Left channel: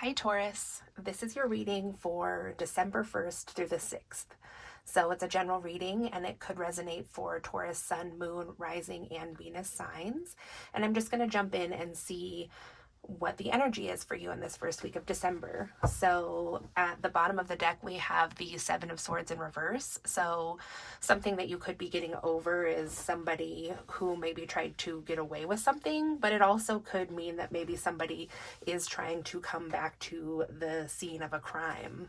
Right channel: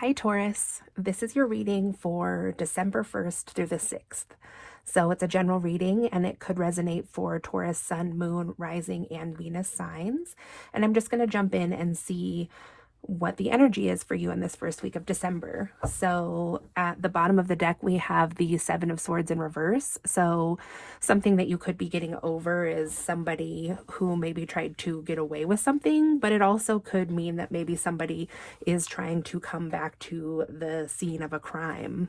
Hi Taurus, this is your reading for December 1st through the 6th. So it's a general reading and it could resonate for Taurus, Sun, Moon, Rising, and Venus signs. And I'm just going to jump in and see what the energy is for you in this first week of December. So at the bottom of the deck, we have the Seven of Swords in reverse. So something that you could be getting over is somebody who maybe tried to get away with something, but it also could mean that maybe somebody is trying to come back to the scene of a crime.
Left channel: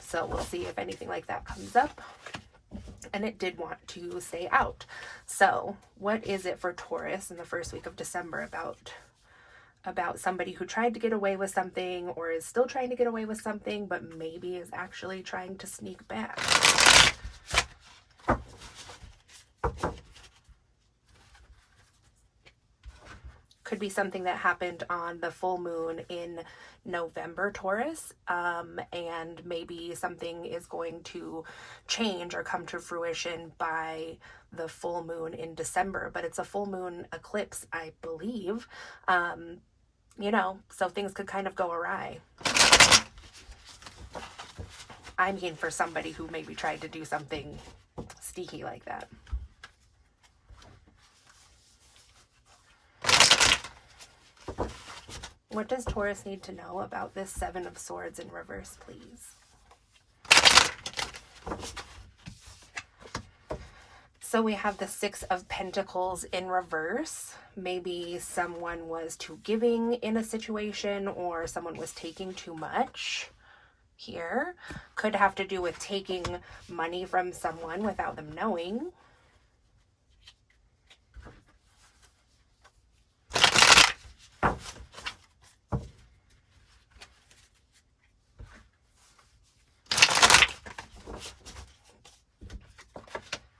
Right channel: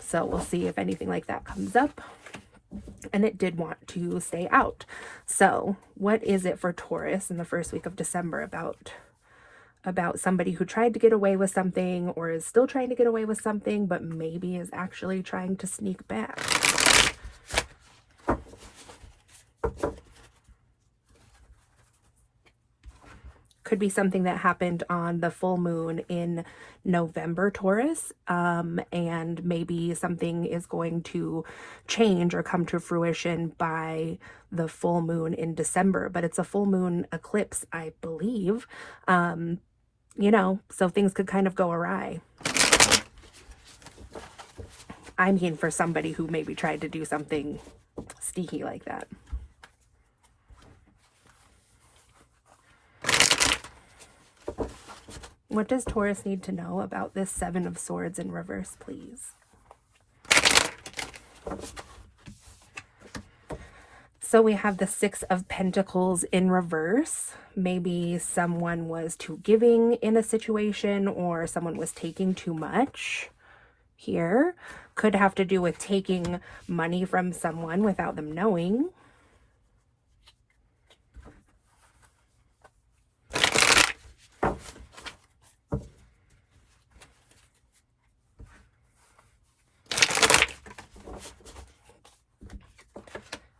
So we'll see if anything like that comes up. And it did want to stay out. So what is it for Taurus in the first week of December about somebody who tried to get away with something or is still trying to get away with something, but maybe is actually trying to sneak back? Could be something that happened on the full moon in November, Taurus, and maybe something is going to change or come to fruition by the full moon in December, but it's a full moon eclipse, I believe, so things could kind of go awry. I mean, for somebody who maybe tried to do something sneaky like that. What does Taurus need to know about this Seven of Swords in reverse, please? So we have the Six of Pentacles in reverse. Maybe someone was too giving in a situation or someone was taking too much here. Could have to do with taking money from someone without them knowing.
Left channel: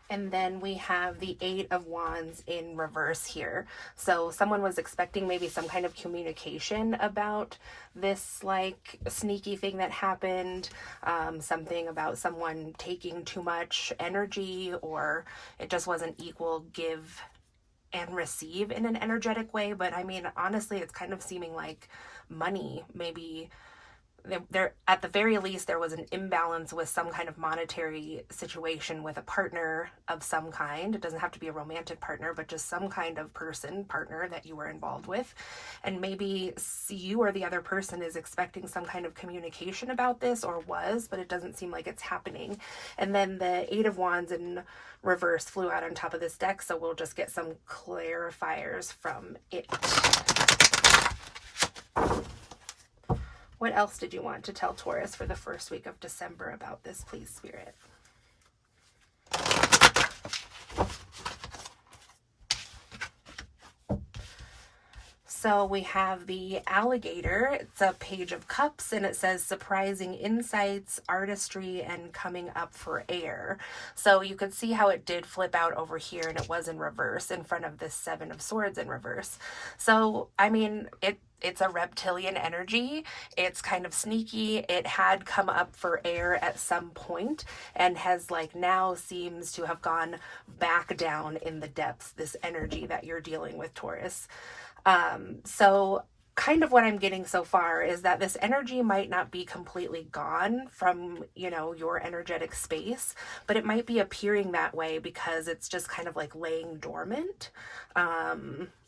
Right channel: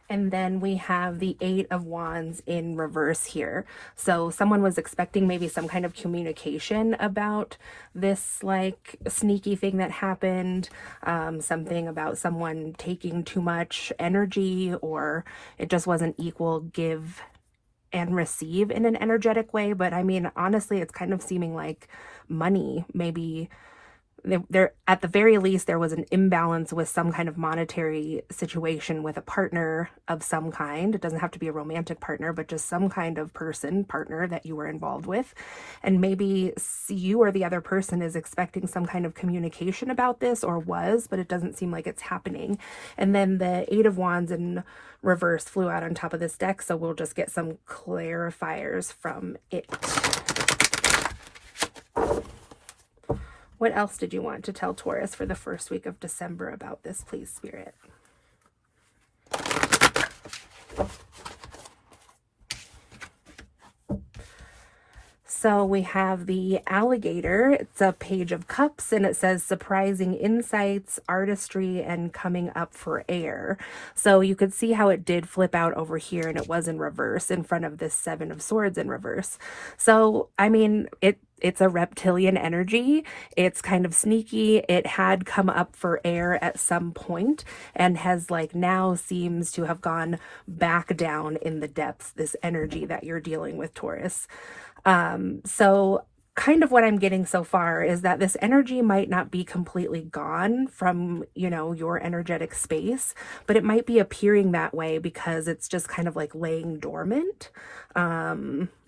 And then we have the Eight of Wands in reverse here. So someone was expecting maybe some kind of communication about this like sneaky thing that happened, something about someone taking too much energy, or it just wasn't equal give and receive in an energetic way. But I mean, honestly, it's kind of seeming like money, maybe there at the very least there was an imbalance with some kind of monetary situation with a partner of some kind. It doesn't have to be a romantic partner, but just some kind of partner that you were involved with, and maybe you or the other person is expecting some kind of communication about this, or was, but it doesn't seem like it's happening. And then the Eight of Wands in reverse flew out on top of this deck, so we'll just get some clarifiers from it. What else did you want to tell Taurus for the first week of December about this, please, Spirit? So we have the alligator. It's a page of cups and it says surprising insights, artistry, and coming up for air. So you could see how it did flip out over here and it was in reverse in front of this Seven of Swords in reverse. So, I mean, it's a reptilian energy. It's kind of sneaky. It had come up for air at some point and has like now seems to have gone back down in the depths, this energy that you're dealing with, Taurus. So kind of what I'm getting so far is that this energy might not be completely gone from, your energetic space, but it might be appearing that way because it's just kind of like laying dormant,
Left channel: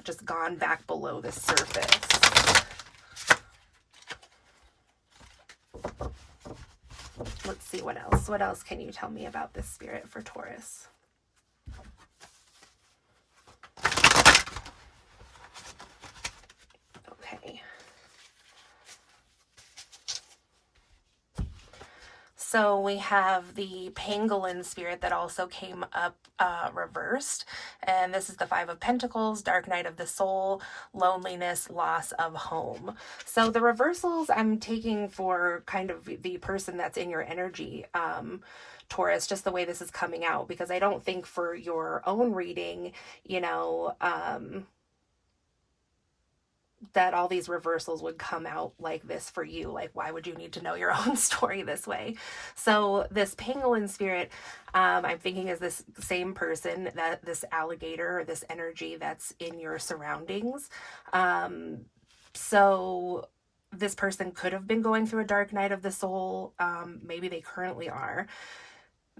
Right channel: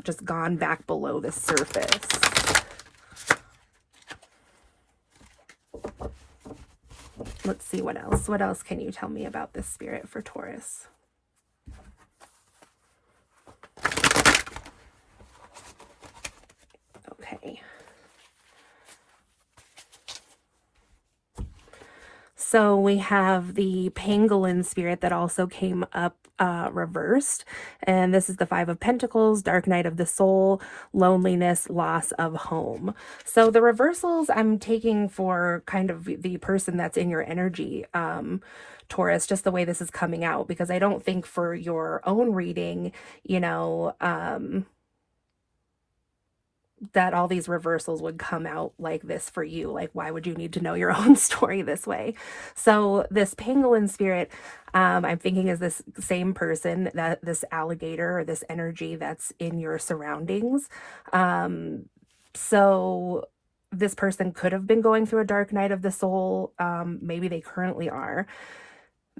just gone back below the surface. Let's see what else. What else can you tell me about this, Spirit, for Taurus? So we have the pangolin spirit that also came up reversed. And this is the Five of Pentacles, dark night of the soul, loneliness, loss of home. So the reversals I'm taking for kind of the person that's in your energy, Taurus, just the way this is coming out, because I don't think for your own reading, that all these reversals would come out like this for you. Like, why would you need to know your own story this way? So this pangolin spirit, I'm thinking is this same person, that this alligator or this energy that's in your surroundings. So this person could have been going through a dark night of the soul. Maybe they currently are.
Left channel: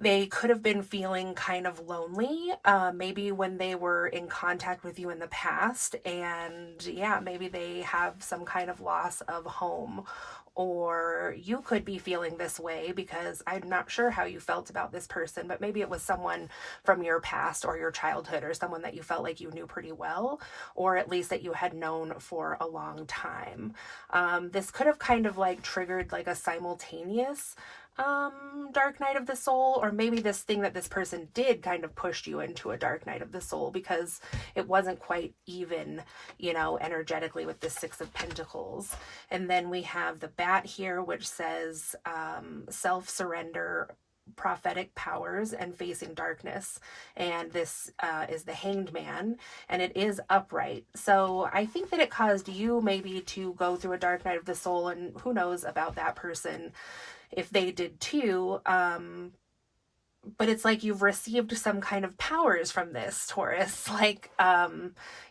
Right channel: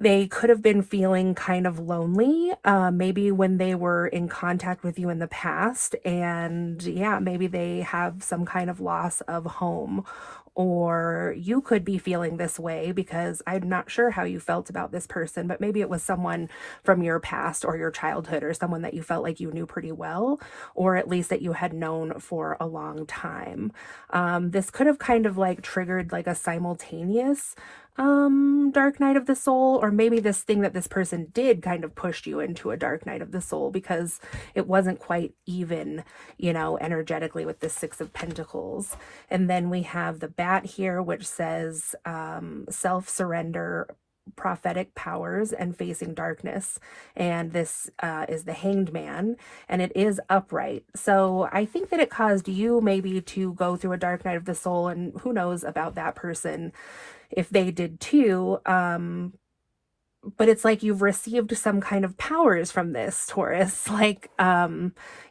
They could have been feeling kind of lonely, maybe when they were in contact with you in the past. And yeah, maybe they have some kind of loss of home. Or you could be feeling this way because I'm not sure how you felt about this person, but maybe it was someone from your past or your childhood, or someone that you felt like you knew pretty well, or at least that you had known for a long time. This could have kind of like triggered like a simultaneous dark night of the soul, or maybe this thing that this person did kind of pushed you into a dark night of the soul because it wasn't quite even, you know, energetically with the Six of Pentacles. And then we have the bat here, which says self-surrender, prophetic powers, and facing darkness. And this is the Hanged Man, and it is upright. So I think that it caused you maybe to go through a dark night of the soul, and who knows about that person if they did too. But it's like you've received some kind of powers from this, Taurus. Like,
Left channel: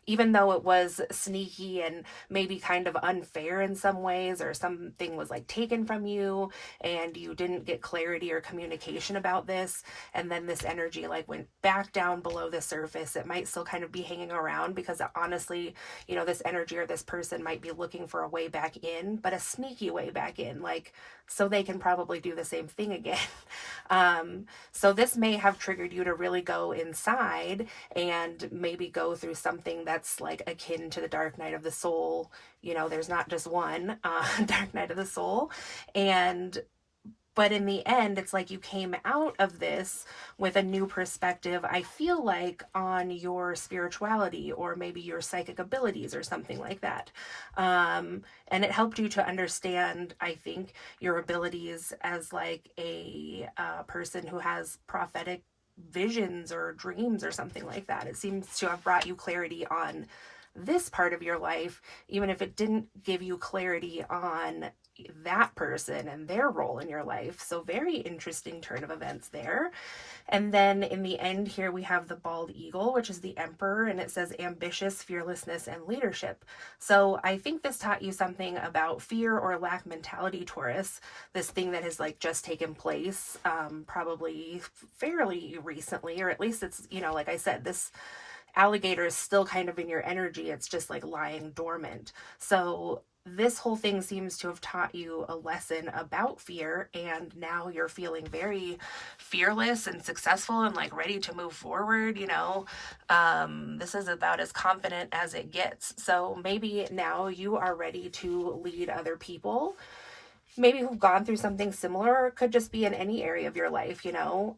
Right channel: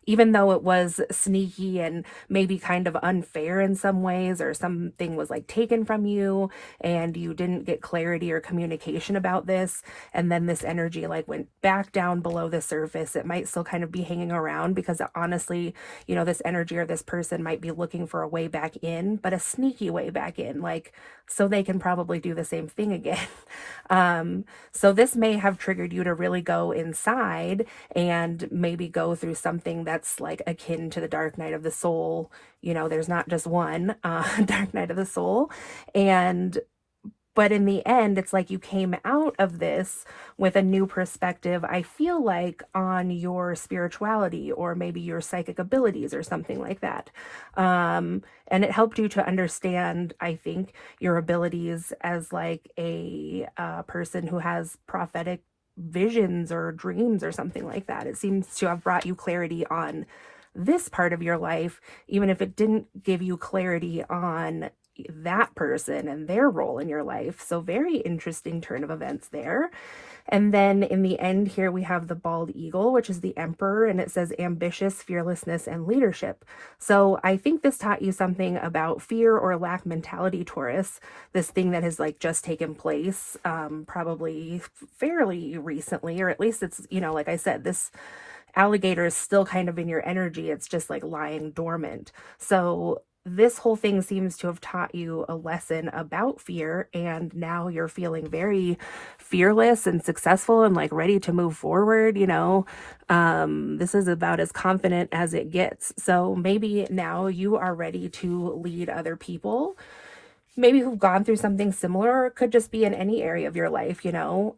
even though it was sneaky and maybe kind of unfair in some ways, or something was like taken from you and you didn't get clarity or communication about this, and then this energy like went back down below the surface, it might still kind of be hanging around because honestly, you know, this energy or this person might be looking for a way back in, but a sneaky way back in, like, so they can probably do the same thing again. So this may have triggered you to really go inside and maybe go through something that's like akin to the dark night of the soul. You know, there's not just one dark night of the soul. But in the end, it's like you came out of this with a new perspective, I feel like, on your spirituality or maybe your psychic abilities or something like that. And it helped you to understand, I think, your abilities as like a person who has prophetic visions or dreams or something like that. It seems to have brought you clarity on this part of your life, even if it didn't give you clarity on that person and their role in your life. So very interesting turn of events there. And then in the end here, we have the bald eagle, which is the emperor, and it says ambitious, fearlessness, and leadership. So I think this taught you something about fear or lack mentality, Taurus, this thing that has like just taken place, probably fairly recently, or at least it's, you know, like I said, this alligator is still kind of in your energy. It's just like lying dormant. So this whole thing seems to have taught you a lesson about fear, and now you're feeling very fearless and successful and like ready to move forward. You know, this is about as confident as it gets. So maybe now you are ready to lead other people, maybe who've gone through something similar, or it could just be in any area of your life, you know.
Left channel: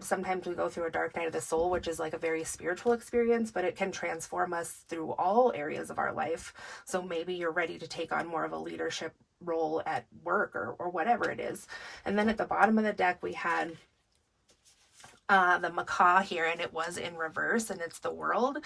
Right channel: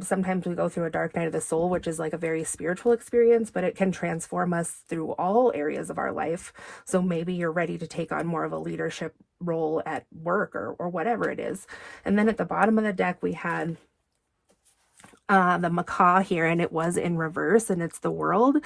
Sometimes we go through a dark night of the soul, which is like a very spiritual experience, but it can transform us through all areas of our life. So maybe you're ready to take on more of a leadership role at work or whatever it is. And then at the bottom of the deck, we had the macaw here, and it was in reverse, and it's the world,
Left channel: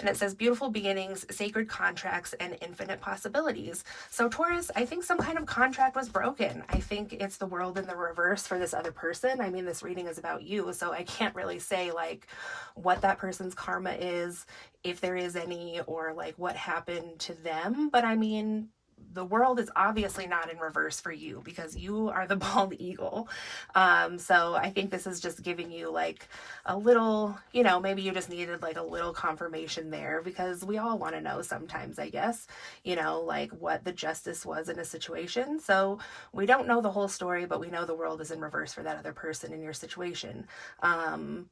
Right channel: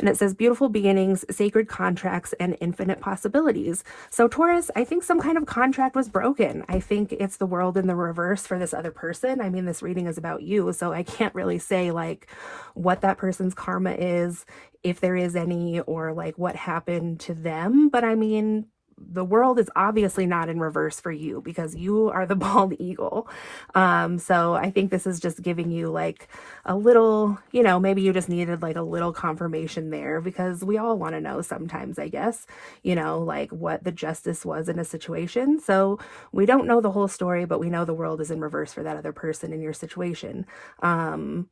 and it says beautiful beginnings, sacred contracts, and infinite possibilities. So Taurus, I think some kind of contract was broken. I think it's the world in the reverse for this other person. I mean, this reading is about you, so I can't really say like what that person's karma is, if there is any, or like what happened to them. But I mean, the world is obviously not in reverse for you because you are the bald eagle. So I think this is just giving you like a little, you know, maybe you just needed like a little confirmation there, because we all want to know sometimes, I guess, you know, like what the justice was in a situation. So we don't know the whole story, but we know the world is in reverse for that other person in your situation. You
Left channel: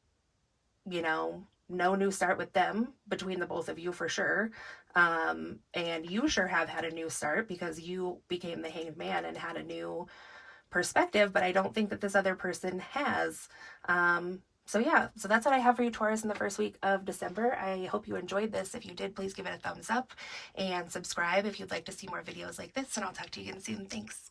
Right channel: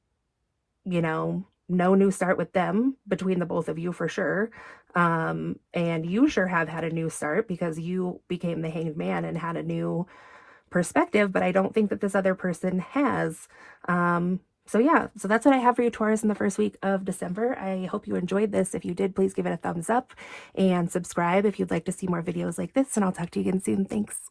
know, no new start with them between the both of you for sure. And you sure have had a new start because you became the Hanged Man and had a new perspective, but I don't think that this other person has. So yeah, so that's what I have for you, Taurus, in the first week of December. I hope you enjoyed this. If you did, please give it a thumbs up and subscribe if you'd like to see more videos like this, and I'll talk to you again soon. Thanks.